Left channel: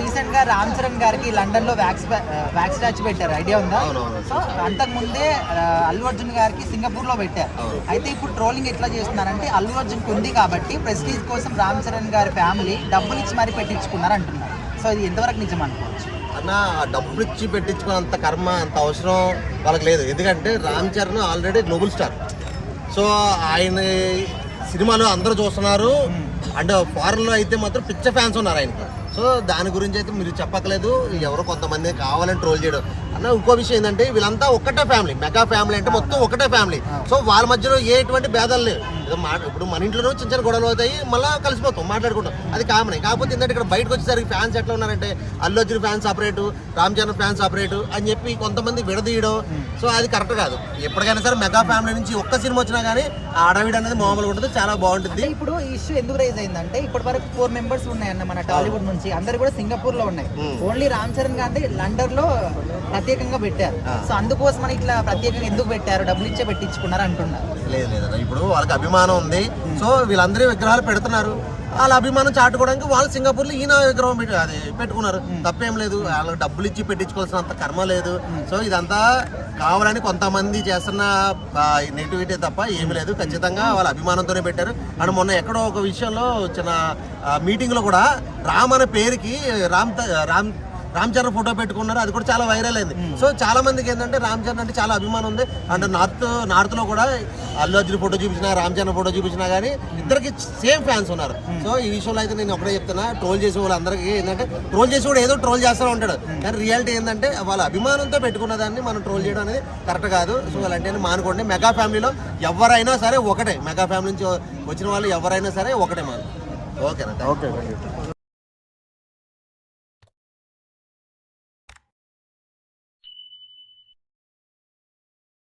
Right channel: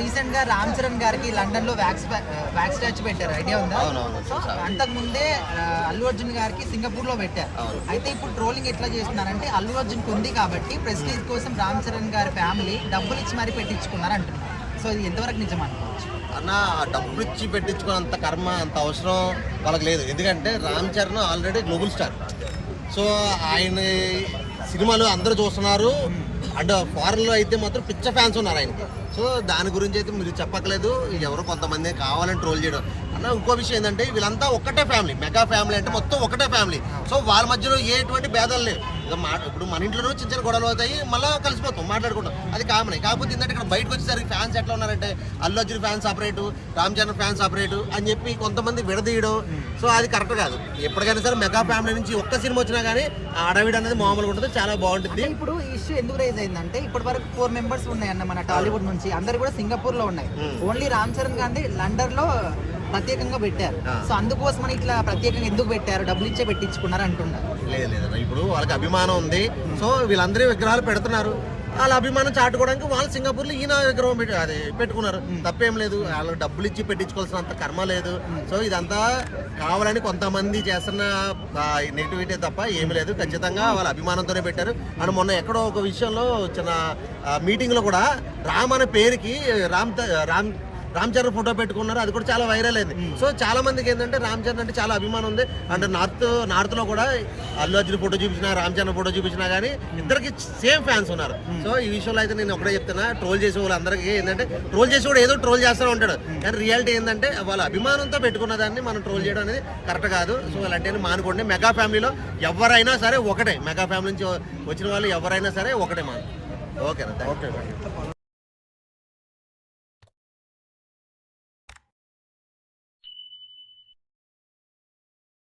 Recent గా రామ్ చరణ్ గారికి London లో వ్యాక్స్ స్టాచ్యూ పెట్టారు, ఐడియా ఉందా? సో అంతకు ముందే అల్లు అర్జున్ గారికి సింగపూర్ లో పెట్టారు. అయితే ఇప్పుడు ట్రోలింగ్ ఎట్లా చేస్తున్నారంటే అల్లు అర్జున్ ఉంది కాబట్టి ప్రెస్టీజ్ కోసం రామ్ చరణ్ గారి ఫ్యామిలీ డబ్బులు ఇచ్చి మరీ పెట్టించుకున్నారు అంటున్నారు. సో ఇది ఎంతవరకు నిజం అనుకోవచ్చు? అన్న, డబ్బులు ఇచ్చి పెట్టించుకున్నంత కర్మ అంత అవసరం వాళ్ళకి లేదు. ఎందుకంటే Ram Charan already global star. So ఆయన సినిమాలు అందరూ చూస్తున్నారు. అండ్ ఫారెన్లో అయితే మాత్రం పిచ్చ ఫ్యాన్స్ ఉన్నారు ఆయనకి. సో దాని గురించి అయితే మీరు చెప్పక్కలేదు. ఎవరో కొంతమంది కావాలని ట్రోల్ చేయడం అన్న. ఇంకో విషయం ఏంటంటే వీళ్ళంతా ఒక్కటే ఫ్యామిలీ, మెగా ఫ్యామిలీ అంటే మొత్తం ఒకటే ఫ్యామిలీ. సో వాళ్ళ మధ్యలో ఎటువంటి భేదాలు లేవు. ఇప్పుడు మన ఇంట్లో చిన్న చిన్న గొడవలు అవుతాయి, మళ్ళీ కలిసిపోతాం, మాట్లాడుకుంటాం, అది కామన్. కాకపోతే ఏంటంటే ఇక్కడ బయటకు వచ్చేసరికి ఫ్యాన్స్ ఎట్లా ఉన్నారంటే Allu Arjun fans separate, Ram Charan fans separate అని చెప్పి కొంతమంది విడదీయడం. సో అది కరెక్ట్ కాదు. ఎప్పటికైనా సరే మెగా ఫ్యామిలీ నుంచి ఒక్క సినిమా వచ్చినా కానీ ఆడవిడ అనేది మామూలుగా ఉంటుంది, చాలా బాగుంటుంది. ఇప్పుడు ఈ ఇష్యూ ఎందుకు రైజ్ అయిందంటే ఇప్పటి వరకు 4 మెంబర్స్ ఉన్నాయన్న మన టాలీవుడ్ నుంచి, అందరు కూడా సింగపూర్ లో ఉన్నాయి. ఓన్లీ రామ్ చరణ్ గారిని లండన్ లో ప్రత్యేకంగా పెట్టారు. సో అందుకోసం ఇట్లా ప్రత్యేకంగా ఎందుకు పెట్టారు, డబ్బులు ఇచ్చే పెట్టించుకున్నారు అంటున్నారు. లేదు లేదు, ఇప్పుడు వాళ్ళకి అభిమానం ఉంది. సో వీళ్ళందరూ విగ్రహాలు పెడుతున్నారు, వాళ్ళ అభిమానం చాటుకోవడానికి వాళ్ళు సింగపూర్లో ఈయన విగ్రహం పెట్టుకున్నారు. తప్పేం లేదు, వాళ్ళకి డబ్బులు ఇచ్చి పెట్టించుకోవాల్సినంత కర్మ లేదు. సో ఇదంతా కావాలని కొంతమంది చేస్తున్న నెగిటివిటీ తప్ప ఏమీ లేదు. ఖచ్చితంగా వాళ్ళ అభిమానంతోనే పెట్టారు. అండ్ మొన్న ఎక్కడో ఒక విషయంలో చిన్న మీటింగ్లో కూడా రామ్ అనే పేరుకి రామ్ చరణ్ ఫోటో పెట్టుకున్నారు, అది కూడా చాలా వైరల్ అయింది. సో చాలా మందికి ఏంటంటే రామ్ చరణ్ అంటే చాలా అభిమానం ఉంది. అండ్ నార్త్ లో కూడా అల్లు అర్జున్ ఫోటో చూపించినా, రామ్ చరణ్ ఫోటో చూపించినా కానీ ఇద్దరికి సేమ్ ఫ్యాన్స్ ఉన్నారు. సో ఈ విషయంలో అయితే నేను ఒకటే చెప్తున్నా, ట్రోల్ చేసే వాళ్ళందరికీ ఏంటంటే ట్రోల్ చేసి కూడా ఏదో ట్రోల్ చేస్తూ ఉంటాడు, కానీ రియాలిటీ ఏంటంటే వాళ్ళ అభిమానంతో పెట్టుకున్న దాన్ని మనం ట్రోల్ చేయడం అనేది కరెక్ట్ కాదు. సో అలాంటి మానుకోండి. మెగా ఫ్యామిలీలో ఎవరైనా సరే ఒకటే, మెగా ఫ్యామిలీ నుంచి వచ్చిన వాళ్ళు ఎవరైనా సరే ఒకటే మనం. ఓకేనా? ఓకే.